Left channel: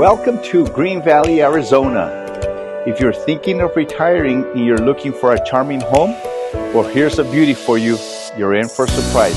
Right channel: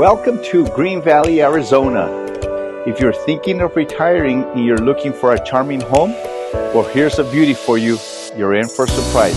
Welcome to Green Valley, Arizona. If you're thinking of retiring and you're looking for a charming home, well, here's a beauty for you. You're in for a surprise.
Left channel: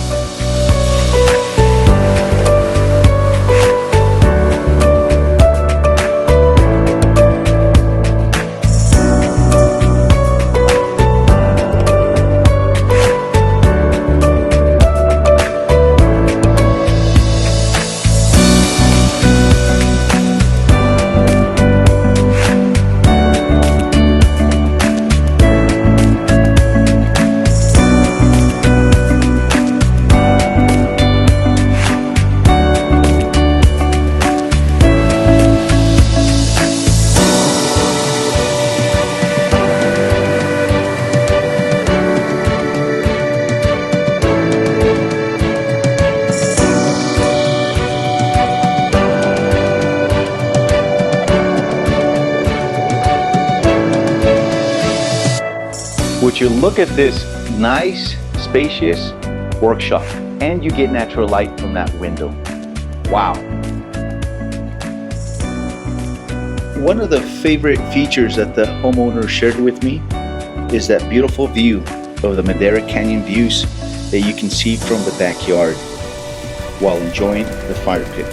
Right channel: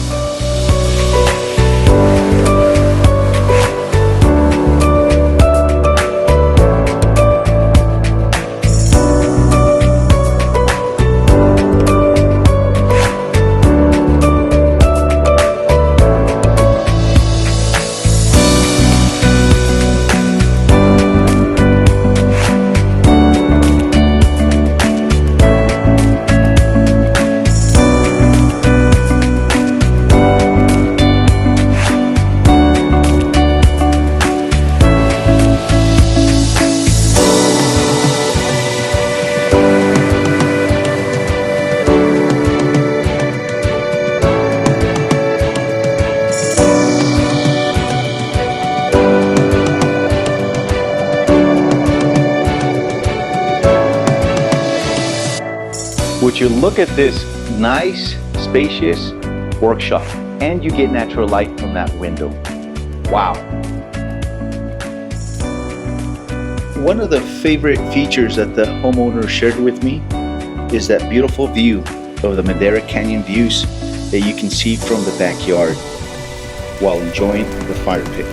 Would you look at this nice, spacious workshop, and you get natural light from that window. Wow. One of the favorite features that the homeowner shared with me is that beautiful view of the Madera Canyon views that you can see from the backyard while enjoying the fire pit.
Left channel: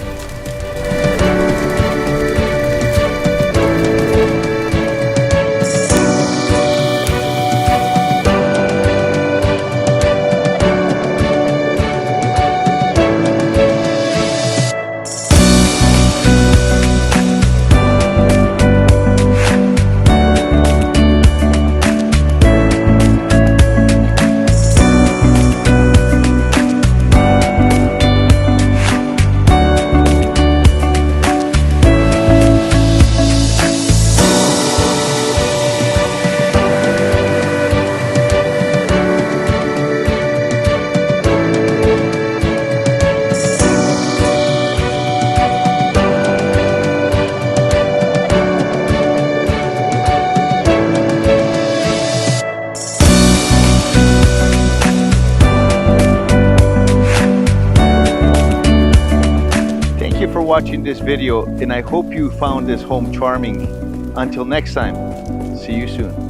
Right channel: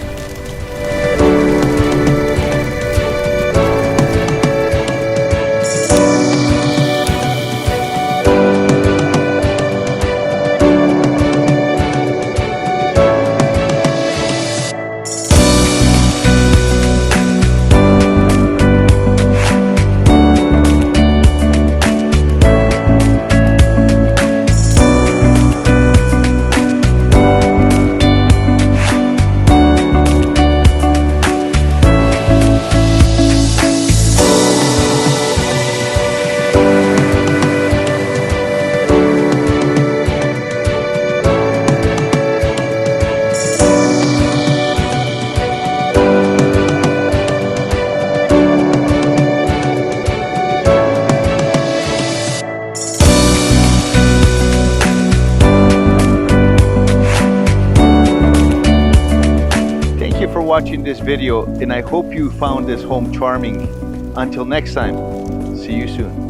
For watching this video, and I hope you found this home charming. Until next time, see you soon.